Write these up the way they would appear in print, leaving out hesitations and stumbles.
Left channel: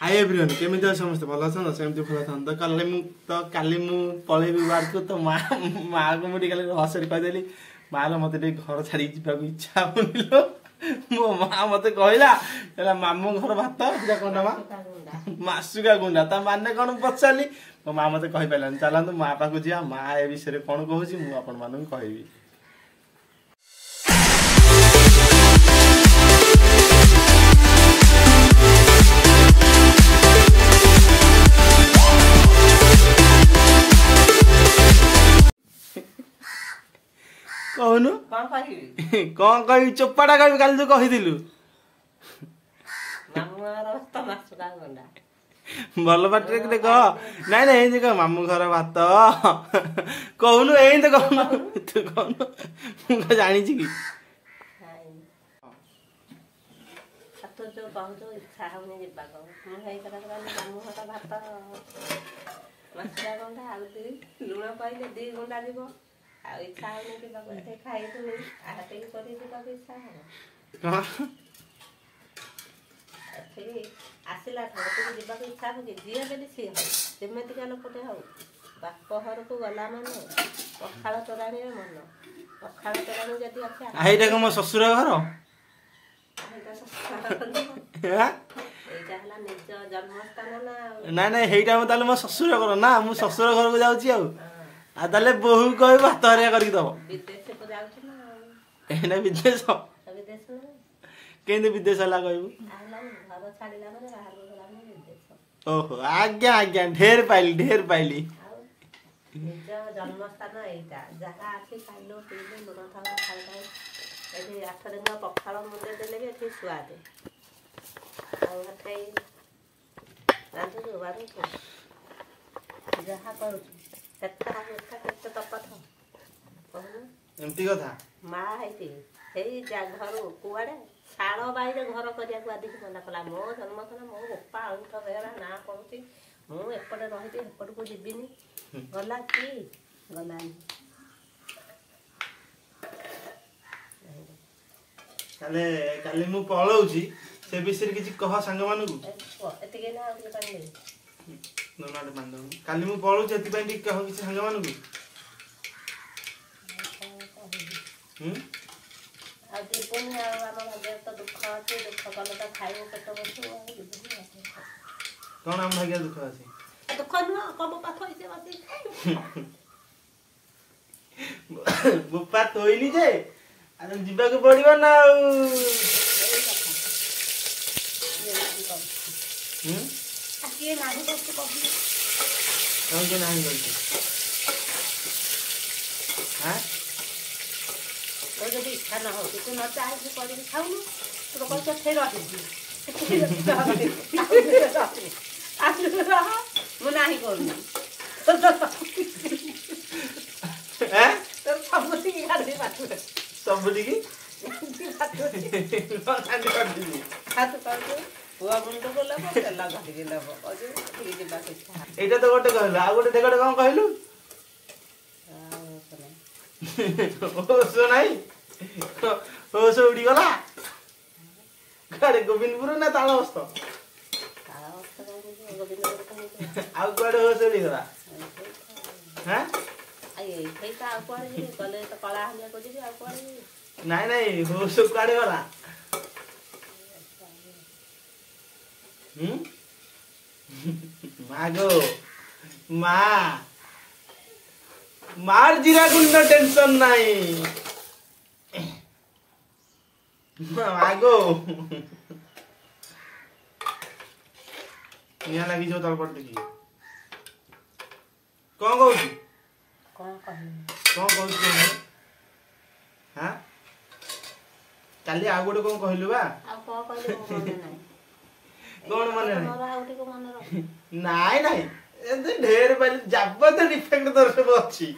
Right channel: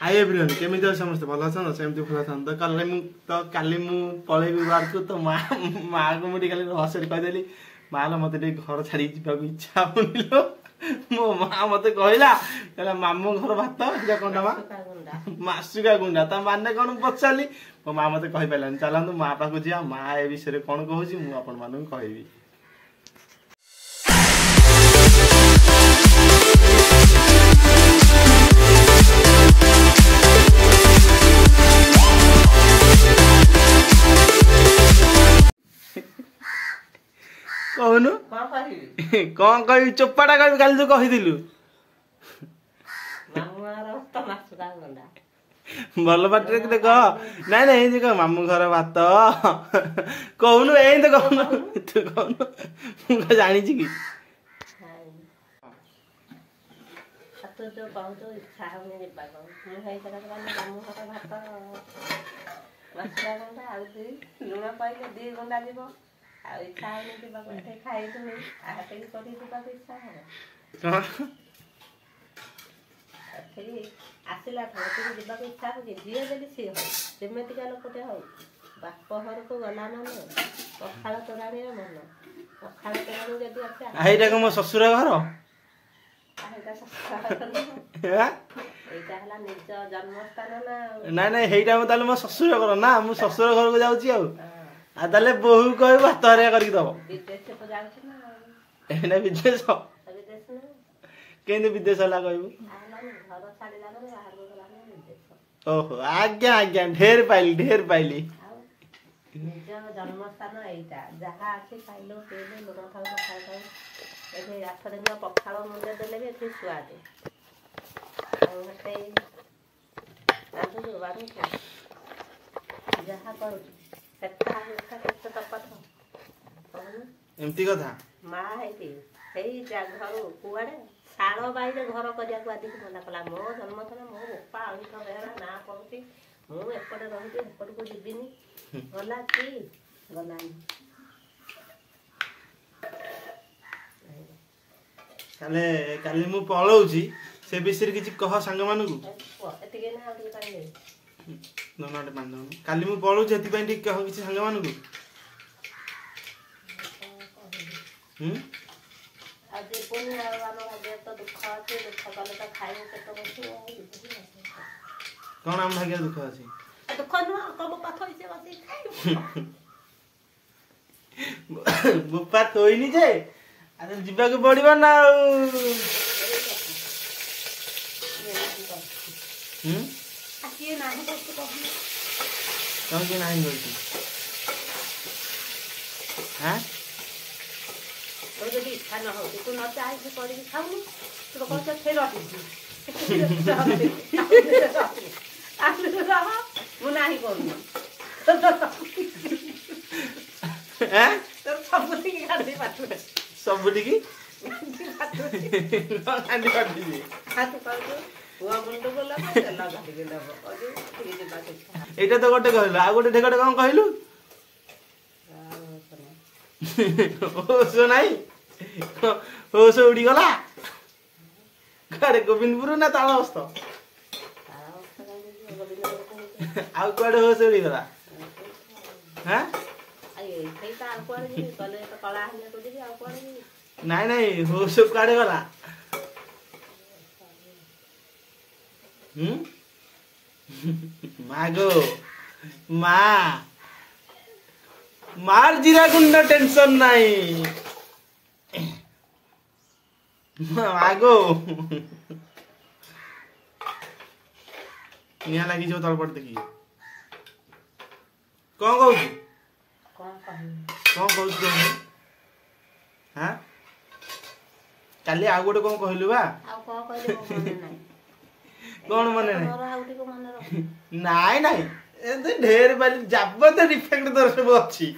hi everyone केमी समस्त भल अच्छा सेमती भल था काली मु पलैबी वार्ड को तो माँ को मुझे खाली हसरे कहीदेली माँ मत घर छाड़ी जावाक इच्छा होनी लो मो माँ मत कहला मामू घर भात कौन माँ मासुका गुंडा ता माने कौन पचारि मो माँ मत कही पारानी चलतु माँ पाक जा माँ ए विषय कौन कहूँ मुझे कहबी कहनु कौन कह चोपाटा कह काली जो कहीलु भल बाटे देख नाई ना ये कह मामू घर भात कहनु ए तो कहनु तू कहनु मुझे जानी कि लुण पाइले 2 घंटा जीव इच्छा खाई आसला जावाक इच्छा हो जी बेली सी हो जमीका लोकटे हो बाप घर को गला माने पखाड़ तोराणी मन पखाड़ तोराणी जदि अच्छा मो ससुर घर निज जन्मस्थान ना ना हेटा मो ससुर घर ना मु ससुर घर को जाऊँ आले बहु कह भात हरिया करके दब विदेश केंद्र विदेश है कहू ओहो आज्ञा आज्ञा ढेर पाइली निज जन्मस्थान एटा जहाँ अच्छी खाइल पीले लुण था पखाड़ 8 दिन पखाड़ मुंडे देले भी ये स्वाद जहाँ करूँ एमती कथा माँ है घर कुआड़े शाल बाईरे घर करने आदि मना कला मो जन्मथन मो बोपा अंत बेहरा ना पड़ुची मुझे एपटे रही एपट को जीविनी गला कि गलानी काली मु पलाऊची से विषय किसी कह सांग मानू काली मु पलाऊची एति कह किसी सांग मानू कौन आम भाग्य दुख अच्छे दुख नुह कब पाथ बुपा थोइनी जे जीवा को पड़ो ना जदि इच्छा न हो तू न चाहे कर खाऊनु तू कह फेर मुना करूँ एटा तो गोटे कहलु आ गोटे ढेकटे कौन कहलु होश नहीं होश उड़ी गला गाड़े गोविंदपुर ना तालबस्त आउ कुआडे होश उड़ी गला हैं नहीं नहीं होश कुआडे गला मागो माँ मार जीरा गुंड टेंशन नहीं आगो यहाँ लगी जो तलपट देखी कौन कहू हाँ काली आ गोटे कौन कहलु बा कौन मन नाई नाई ढेर बारी जाबत डिफेक्ट दर सब अच्छी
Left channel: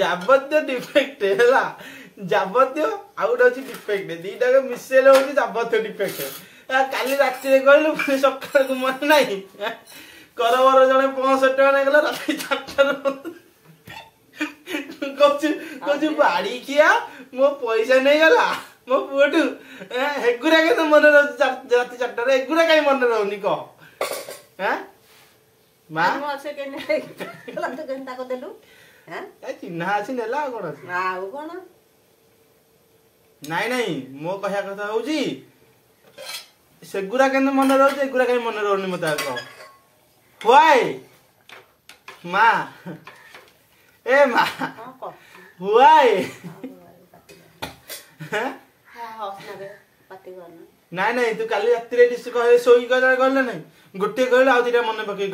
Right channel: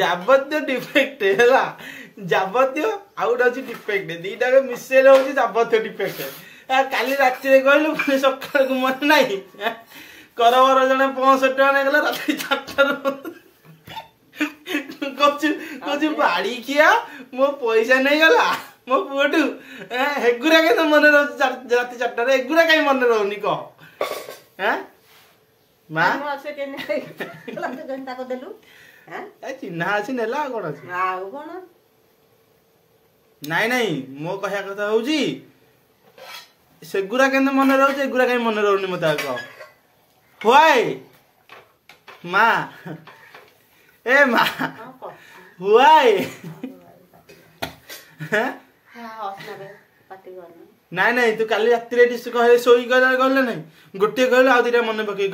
जाबत्य डिफेक्ट है जाबत्य आउट अच्छी डिफेक्ट दीटा के मिसेल हो जाबत्य डिफेक्ट काली रात कहलु सकाल को मन नहीं करबर जड़े 65 टका नहीं गला रात 4 कहूँ कौन बाड़ी किया मो पैसा नहीं गला मो पुटू हेगुरा के मन राति 4 एगुरा कहीं मन रोनी कह हैं मां से के नहीं घंटा को देलु हैं चिन्हा आसी नेला कोन आउ कोन नहीं नहीं मो कहया कथा होजी सेगुरा केने मन रहउछ एगुरा कहीं मन रहउनी मता कह होय मां ए मां हां को होय हां हसना पाटी करना नहीं नहीं तू काली राति रे डिस कहे सोई गले गले नहीं गोटे कहले आ दिटा मन पके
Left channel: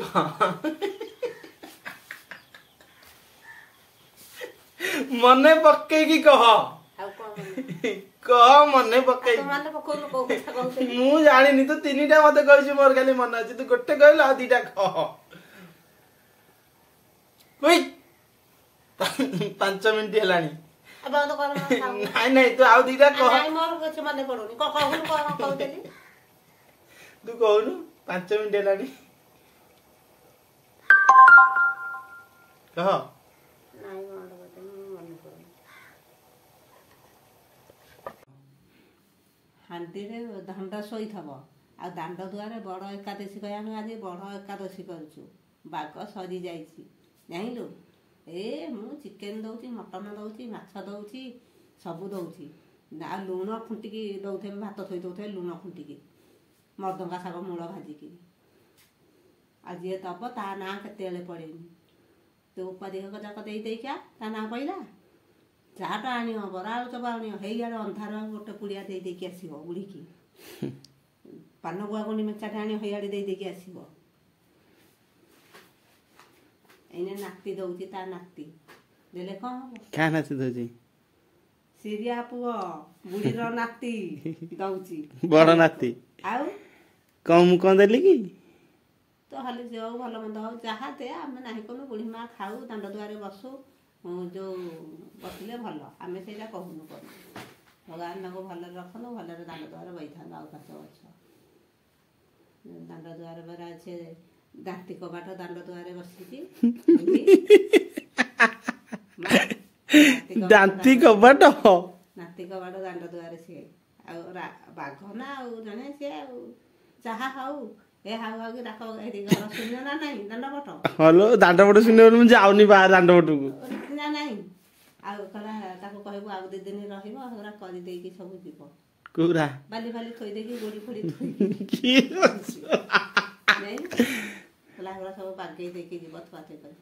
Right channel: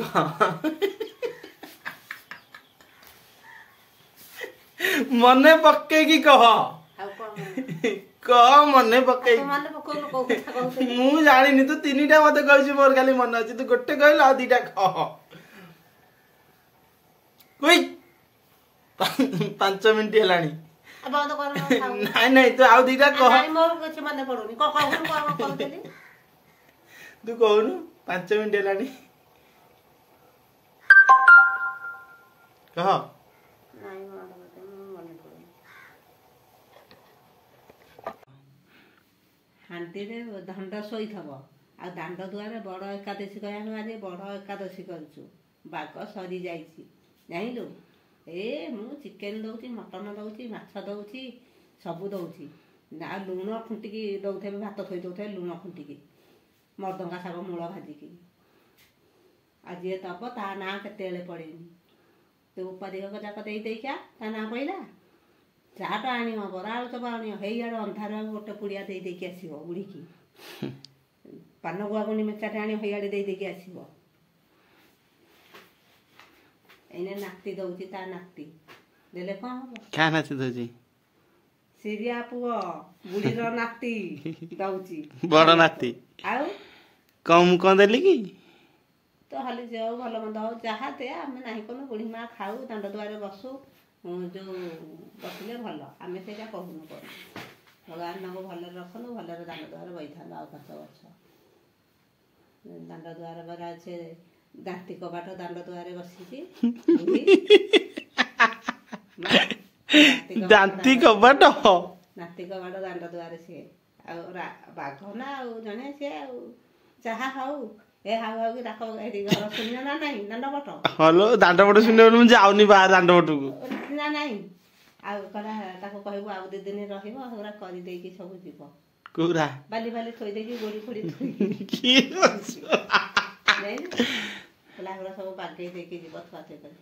मने पक्के की कह कह मने पक्के मन पको को कथा कहते मु जानिनी तू 3टा मते कहछि मोर खाली मन अछि तू गोटे कहले आ दिटा कह कोई 5 मिनिट हेलानी अब तो कर नहीं नहीं तू आ दिटा कह नहीं मोर कुछ मन पड़ोनी कहून कहतेली तू कहूनु 5 मिनिट हेलानी कह नहीं मन पड़ोनी हांडी रे दंड सोई थबो आ दांड दुआरे बड़ एकादशी कह हम आज बड़ एकादशी करछु बाग सरी जाईछि जानिलु ए मु चिकेन दउची मटन दउची माछ दउची सब दउची ना लूण खुंटिकी दउथे भात थई दउथे लूण खुंटिकी मर्दंगा साग मूल भाजिकी आज ये तब ता ना केतेले पड़ेनी तो उपाधिक जाक दे देइका ता ना पइला चाटा आनियो बरा आलु चप आनियो हेइयार अंधार गोटे पुड़िया दे देकी आसीबो बुढ़ीकी पान गुआ गुणी मेचाटे आनियो हेइयाडे दे देकी आसीबो एने नाती दउची ता नाती देले कौन हो क्या नाती दउची सिरिया पुओ बुढ़ी रो नाती दउची बड़ नाती आउ कम कौन देली की तो हाली जो भल मंद हो जहा दे आमे नाही कोनो बुढ़ी मां खाऊ दांड दुआरे बसु जो बसले भल आमे सेटा कहूनु कर भगवान माको भल रखनु भल रे दांड दुआरे बैठा आउ 5 वर्ष दांड दुआरे बरा छे दांती कबाट दांड दुआरे बसिची दांती कबाट नाती कबाट दांड दुआरे से बाघ ना जने से चाहा हाउ ए हाउ हाउ डाक एरी घर सुनियो ना नहीं दांड बट हेलो दांड बट सुनियो मु जाउनी बाहर दांड बटू ना नहीं आ कला ताको कहबो आ 2 दिन रहिबो हमरा करि देई की सब जीव कोरा बाली बाली थोई दे की गोड़ी खोड़ी थोई की नहीं कला हमरा सब बागै दे की जीव थवाते कर